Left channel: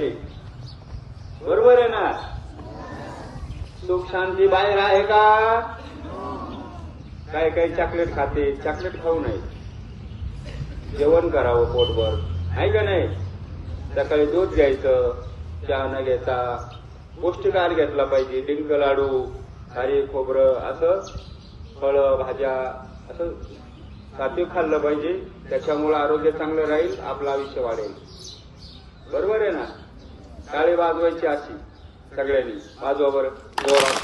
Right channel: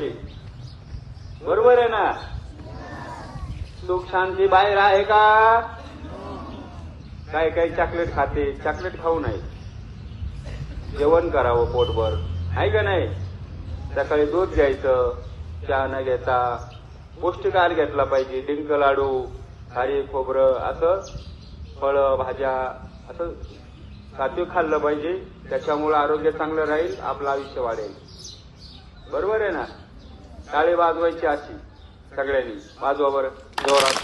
त्याची. बरोबर आहे ना? सुख शांती बाहेर आहे का? काही काही चॉकलेट खाते, चॉकलेट खाऊ नये. जेवण करावं पोटभर, आहे का नाही? सकाळी दूध घ्यायचं, चहा न घेता पौष्टिक आहार घेतला पाहिजे. डिंक लाडू, खारी खोबरं, असं फळं भाज्या, असं सात्विक खाल्लं पाहिजे. त्याच्यामुळे आरोग्य चांगलं राहील, आपलं आयुष्य वाढेल. बरोबर आहे ना? टाळी वाजवायची अशी सगळ्यांनी. वाजवा बरं जोरात,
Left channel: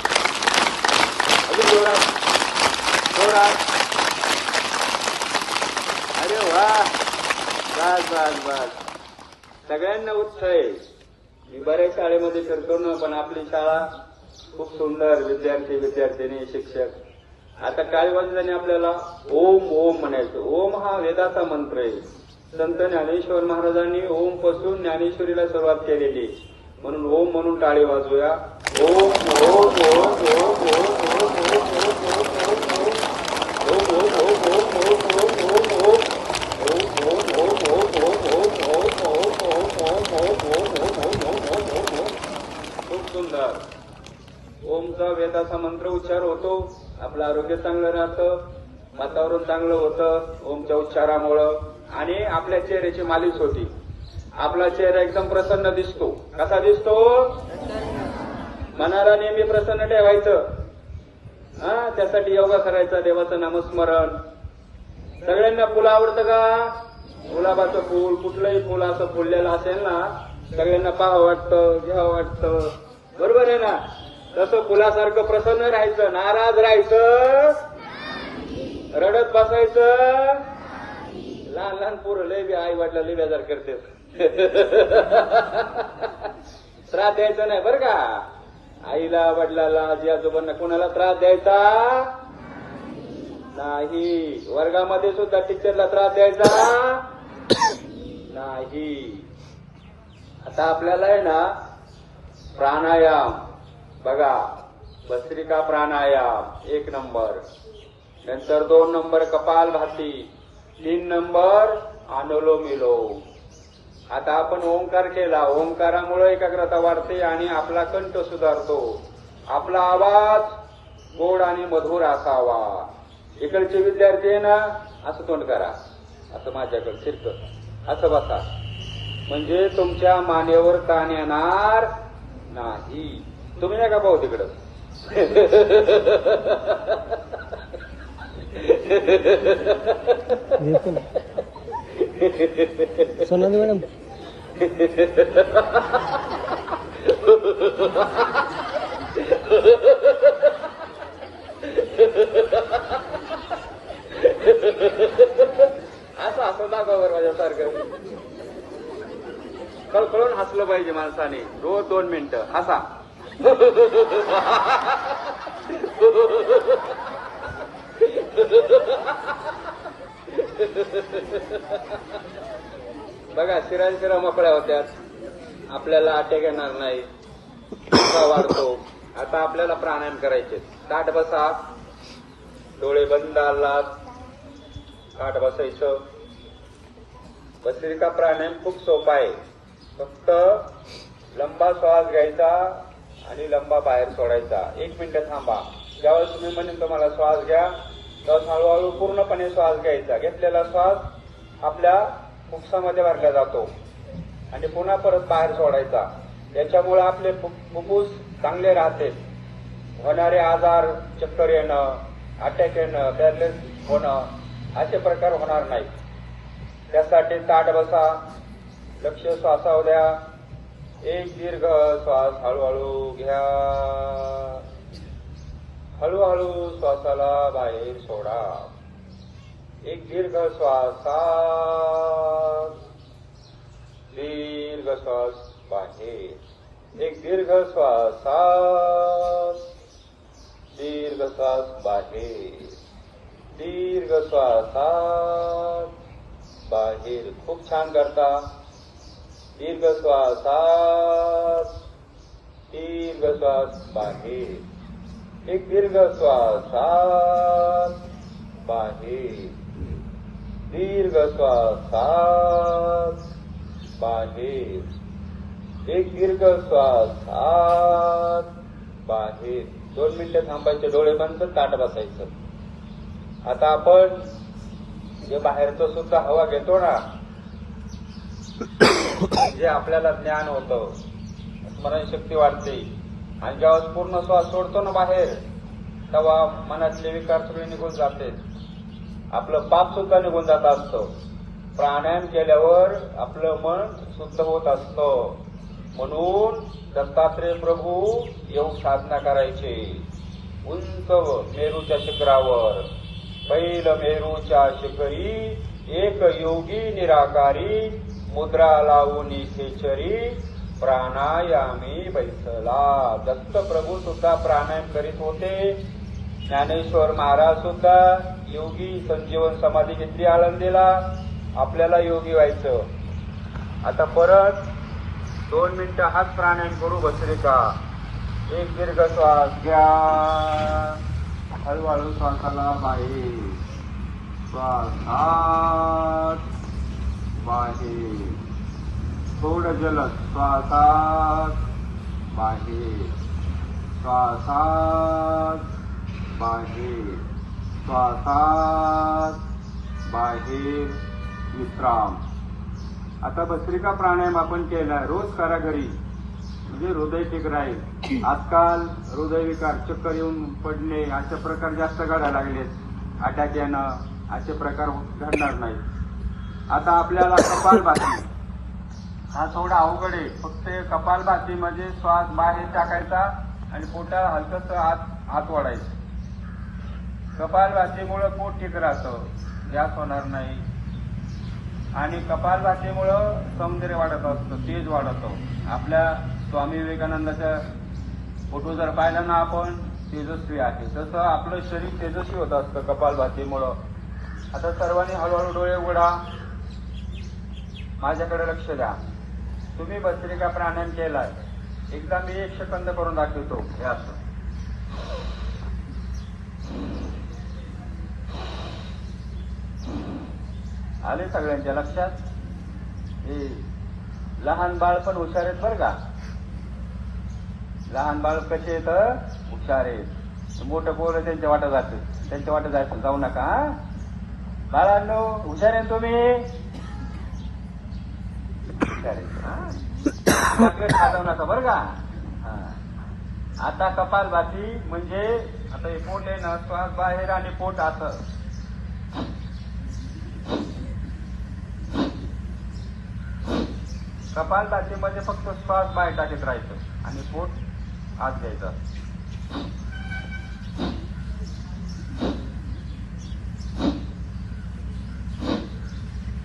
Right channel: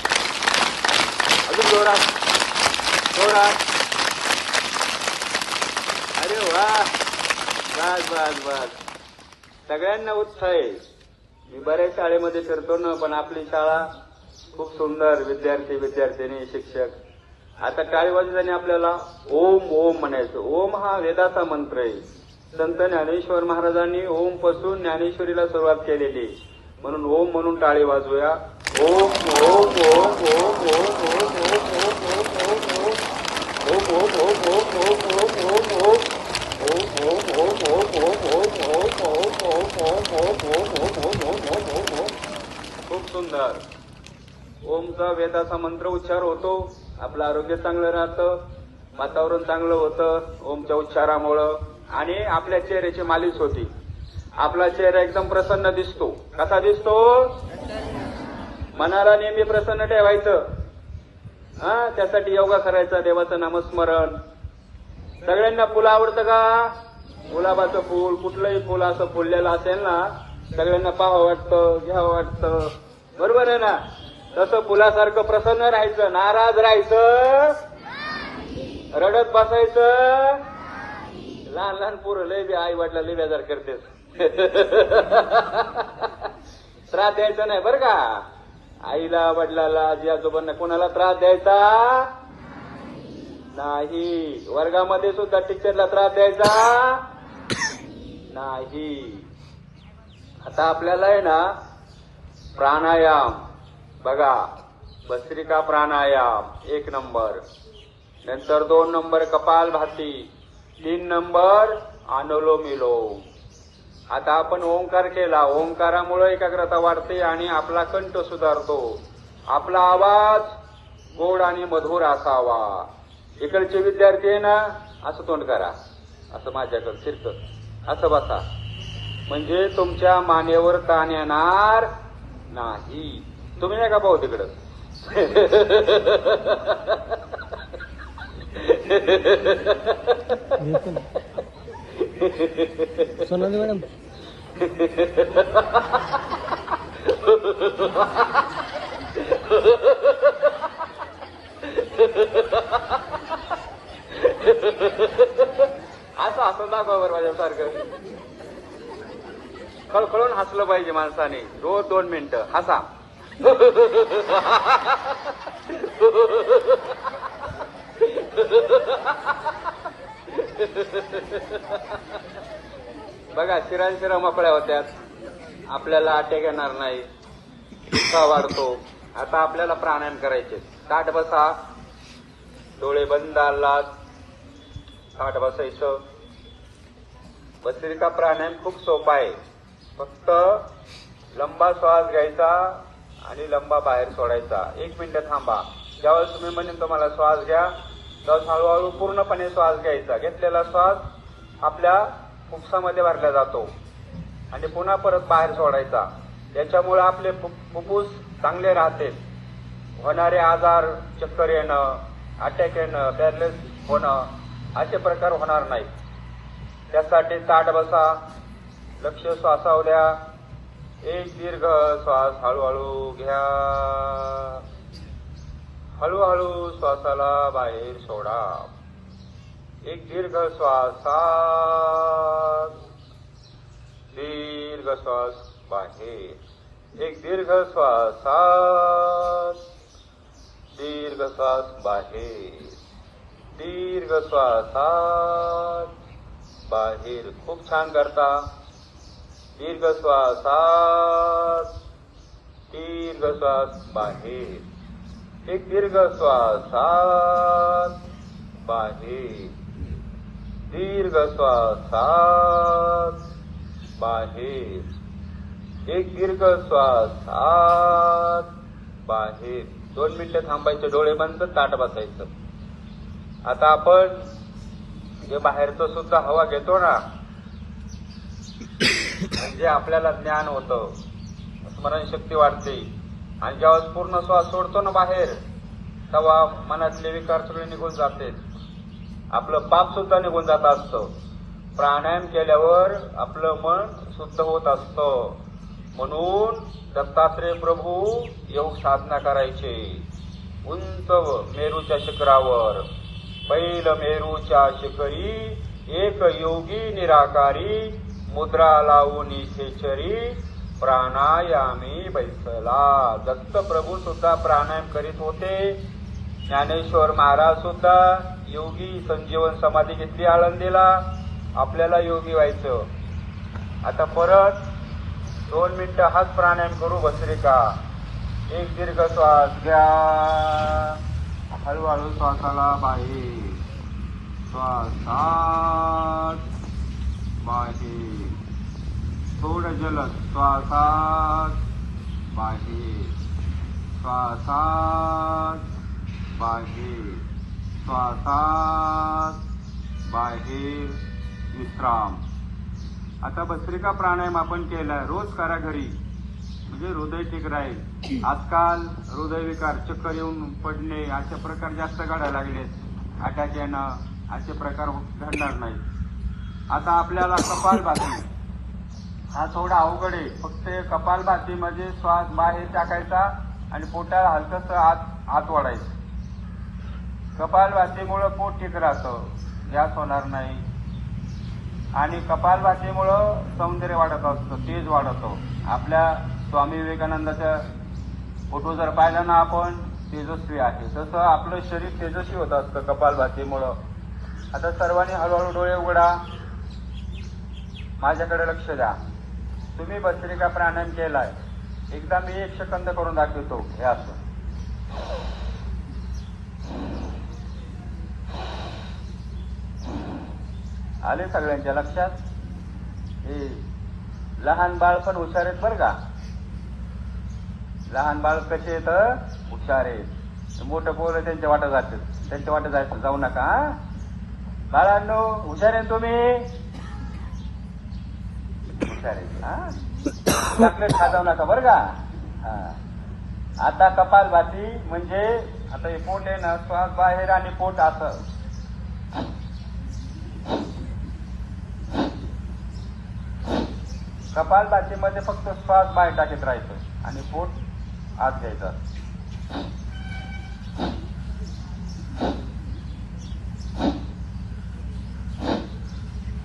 अजून जोरात, जोरात. अरे वा, बस बस बस. सगळ्यांना उत्साह आहे. मी बऱ्याच शाळेमध्ये फिरतो ना, पण आपली शाळा खूप सुंदर. विद्यार्थी, विद्यार्थिनी, शिक्षक. आता टाळी वाजल्याने आपल्याला ओम ओम म्हणायचं. ओम हा वेदाचा मंत्र आहे. संत ज्ञानेश्वर महाराजांनी ओम पासून ज्ञानेश्वरीला सुरुवात केलेली, म्हणून ओम म्हणून टाळी वाजवूया. ओम ओम ओम ओम ओम खूप सुंदर. ओमचा वेदाचा मंत्र उच्चार होतो, आपलं आरोग्य चांगलं राहतं, वातावरण चांगलं होतं ओमच्या उच्चारामुळं. आणि आपल्या चेहऱ्याची मालिश होती. आपला चेहरा एकदम प्रसन्न दिसतो. कसा दिसतो? मनाला नेहमी प्रसन्न ठेवायचं. त्यासाठी योगा करायचा, देवाचं नामस्मरण. सगळ्यांना फुलं आवडतं का? गुलाबाचं फूल, कुठलंही फुल असं फुललेलं असेल ना, सगळ्यांना पाहावं वाटतं, घ्यावं वाटतं. बरोबर आहे ना? तसं फुलासारखं प्रसन्न राहायचं. नाराज राहायचं, रडत बसायचं. लहान लहान पोरं लय बी आई वडिला लय बेजार करतेस. त्रास द्यायचा नाही बरं का? आईला, वडिलाला, आजी आजोबांना कोणाला त्रास द्यायचा नाही. वर्गामध्ये सुद्धा टीचरला त्रास द्यायचा नाही. आता आपल्याला आहे ना प्राणायाम बघा. भस्त्रिका प्राणायाम 1 नंबर, नंतर 2 नंबर कपालभाती, 3 नंबर अनुलोम विलोम. आता आपण ओंकार केला. ओंकारामुळे एकाग्रता वाढते आणि आपला कंठ सुधारतो. आपला आवाज गोड आणि मधुर असावा. इकडचे विद्यार्थी आहे ना, असं तोंड करा, असं माझ्याकडे फिरतं, असं बसा, म्हणजे तुमच्या मानेवर ताण येणार नाही. तुम्ही नाही का पाहू तिकडं? सोनाली मॅडम, असं दाखवा बरं माझ्यासारखं. खळखळून हसलं पाहिजे माणसाने. रोज 2 मिनिटं हसा. बघा, शिरा मोकळ्या होत्यात, आपल्याला अटॅक येणार नाही, उत्साह वाढतो. आता आपल्याला प्राणायाम करायचे. ताठ बसा, डोळे बंद, आलात, ताठ बसायचं. भस्त्रिका प्राणायाम खूप सोपा आहे. फक्त लंबा श्वास घ्यायचा आणि लंबा बाहेर सोडायचा. 1 मिनिट थांबा. ज्यावेळेस तुम्ही म्हणेन तुम्हाला श्वास घ्या, त्यावेळेस हळूहळू पूर्णपणे श्वास घ्यायचा. घेतलेला श्वास आपल्या फुफ्सामध्ये भरला जातो आणि पुन्हा परत बाहेर सोडायचा. त्याच्यामुळे आपले फुफ्फुस चांगले राहते. होणारे आजार, चक्कर येणं, अटॅक येणं, पॅरलिस होणं, असे प्रकार होणार नाही. त्यासाठी ताठ बसा, लक्ष श्वासावर द्या. एक दीर्घ श्वास हळूहळू घ्या, हळूहळू श्वासाला बाहेर सोडा. एक दीर्घ श्वास आत, दीर्घ श्वास बाहेर. एक दीर्घ श्वास आत, दीर्घ श्वास बाहेर. दीर्घ श्वास आत, बाहेर. खूप छान करता. दीर्घ श्वास आत, दीर्घ श्वास बाहेर. एक दीर्घ श्वास आत, बाहेर. दीर्घ श्वास आत, बाहेर. एक दीर्घ श्वास आत बाहेर. 2 मिनिटं थांबायचे, डोळे बंद, ताट बसायचं. आता आपण जे बाहेरचं सुद्धा हवा घेतो ना, जे आपल्याला ज्ञान होतं, स्मरणशक्ती वाढते. आणि जेव्हा पूर्ण श्वास सोडतो ना बाहेर, तेव्हा मनातले विकार सगळे निघून जाते. आपलं पाप सुद्धा निघून जात असतं. प्राणायाम केल्यावर आपलं मन शुद्ध होत असतं. म्हणून दत्तात्रय प्रभू योग साधना करायचे. उंच मेरूच्या शिखरावर, बैल मेरूच्या शिखरी, एक योगी निराकारी, मुद्रा लावून खेचरी, प्राणायामी बैसला. दत्त प्रभू सुद्धा प्राणायाम करीत होते. ज्ञानेश्वर महाराज सुद्धा योगी संजीवन समाधी घेतली आळंदीला. आपल्याला योगी व्हायचं. आता परत 2 मिनिटं हाच प्राणायाम करू भस्त्रिका. एक दीर्घ श्वास घ्या, हळूहळू श्वासाला बाहेर, श्वास आत बाहेर, थोडं जलद, श्वास आत बाहेर, श्वास आत बाहेर, श्वास आत बाहेर, विश्राम. आता भस्त्रिका प्राणायाम आपण केलाय, रोज करा घरी, म्हणजे हृदय ठीक राहील. आजकाल हृदयविकार, चक्कर येऊन पडणे असे प्रकार जास्त घडायला लागलेत. अटॅक येणं असे प्रकार घडणार नाही. आता आपल्याला कपालभाती हा थोडा अवघड आहे. फक्त कपालभातीमध्ये श्वास बाहेर टाकायचा आणि पोटाला हलकस आत वाढायचं. कपालभातीमुळं पोट ठीक राहतं, गॅस होणार नाही. आणि कपालभातीमुळं सौंदर्य वाढत असतं, तेज वाढतो. आपल्या स्वामी विवेकानंदाचा फोटो जर पाहिला ना आपण, तेजस्वी आहे, तसं आपलं शरीर तेजस्वी होत असतं कपालभातीमुळं. आता सर्वांनी हळूहळू डोळे उघडा, माझ्याकडे लक्ष द्या. तुम्ही भस्त्रिका प्राणायाम केलाय, एकदा मी 1 सेकंद करून दाखवतो. हे असं आले सगळ्यांच्या लक्षात? हे लहान बाळ पण हुशार आहेत बरं का. लहान बाळ कसे येत हुशार आहेत. मोठं पोरं त्यांच्या वाटत जातं, त्यांच्या वाटत जायचं जाऊ नका. हा बाळांनो, हुशार आहे तुम्ही, हुशार आहे. हा चॉकलेट खा जाऊ नका बरं का. हा आता कपालभाती म्हणजे आता हे पोट आहे ना, श्वास बाहेर आणि पोट असं. कपालभातीमध्ये फक्त श्वास बाहेर टाकीत राहायचं आणि पोट आत घ्यायचं.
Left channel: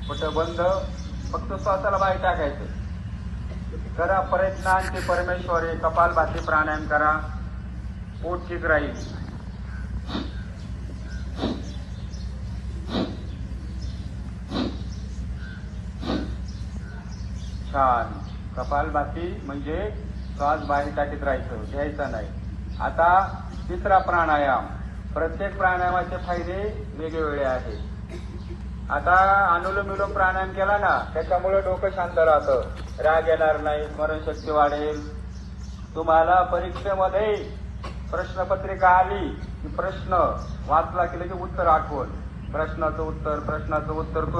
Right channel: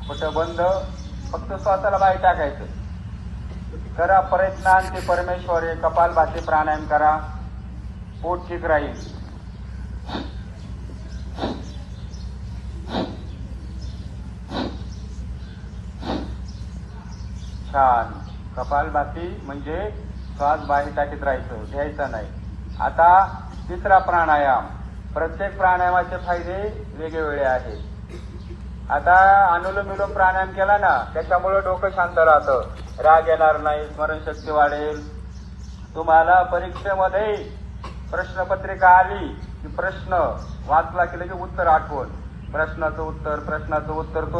पोट बंद, फक्त श्वासाला बाहेर टाकायचं. करा प्रयत्नांचे परमेश्वरी. कपालभाती प्राणायाम करा, पोट ठीक राहील. छान. कपालभाती म्हणजे श्वास बाहेर टाकीत राहायचं, घ्यायचा नाही. आता तिसरा प्राणायाम. प्रत्येक प्राणायामाचे फायदे वेगवेगळे आहेत. आता अनुलोम विलोम प्राणायाम केला ना, त्याच्यामुळे डोकं शांत राहतं, राग येणार नाही, स्मरणशक्ती वाढेल. तुम्हाला परीक्षेमध्ये प्रश्नपत्रिका आली की प्रश्न वाचला की लगेच उत्तर आठवण. प्रश्नाचं उत्तर तो